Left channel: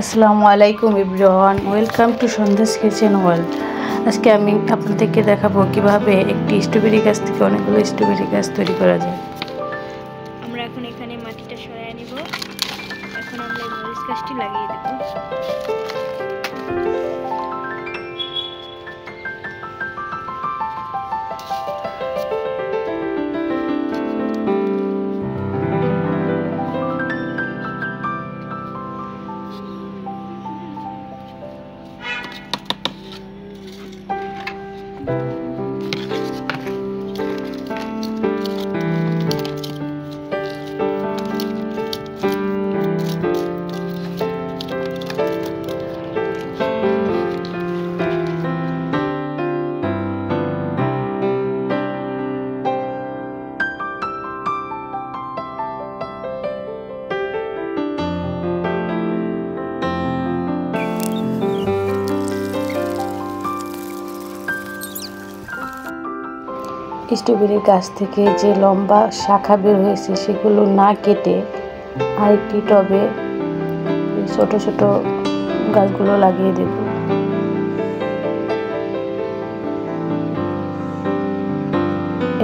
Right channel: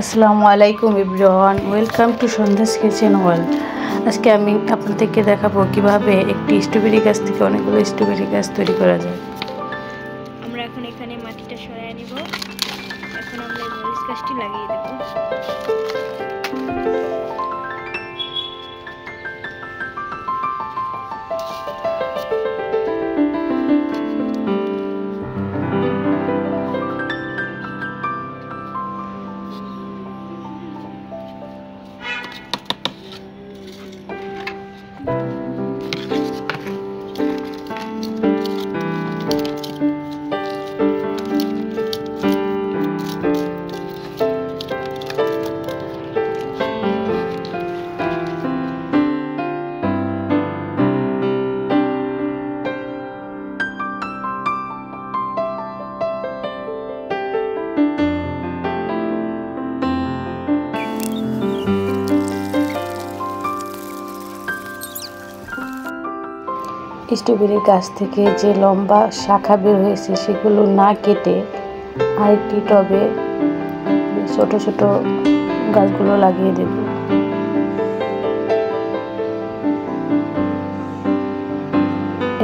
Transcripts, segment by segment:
আসসালামু আলাইকুম everyone, welcome to সন্ধ্যাস কিচেন ওয়ার্ল্ড। আজকে আমি আপনাদেরকে দেখাবো কিভাবে একটি স্ট্রবেরি গাছ থেকে অনেকগুলো স্ট্রবেরি গাছ তৈরি করা যায়। আমরা এখন এখানে মাটিটা সরায় নিব। এখন আমরা এই মরিচ গাছটি লাগিয়ে দেব। স্ট্রবেরি গাছ থেকে যে লম্বা শাখা বের হয়েছে সেগুলো না কেটে আরেকটি টবে ছোট ছোট গাছগুলো লাগিয়ে দেব।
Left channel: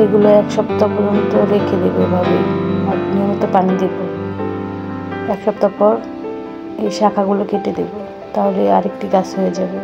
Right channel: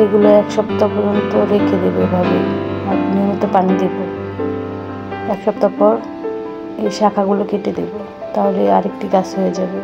এগুলো এক সপ্তাহ পর্যন্ত রেখে দেবো এভাবেই, আর নিয়মিত পানি দেব। এক সপ্তাহ পর এই শাখাগুলো কেটে দেব, তাহলে আরেকটি গাছ হয়ে যাবে।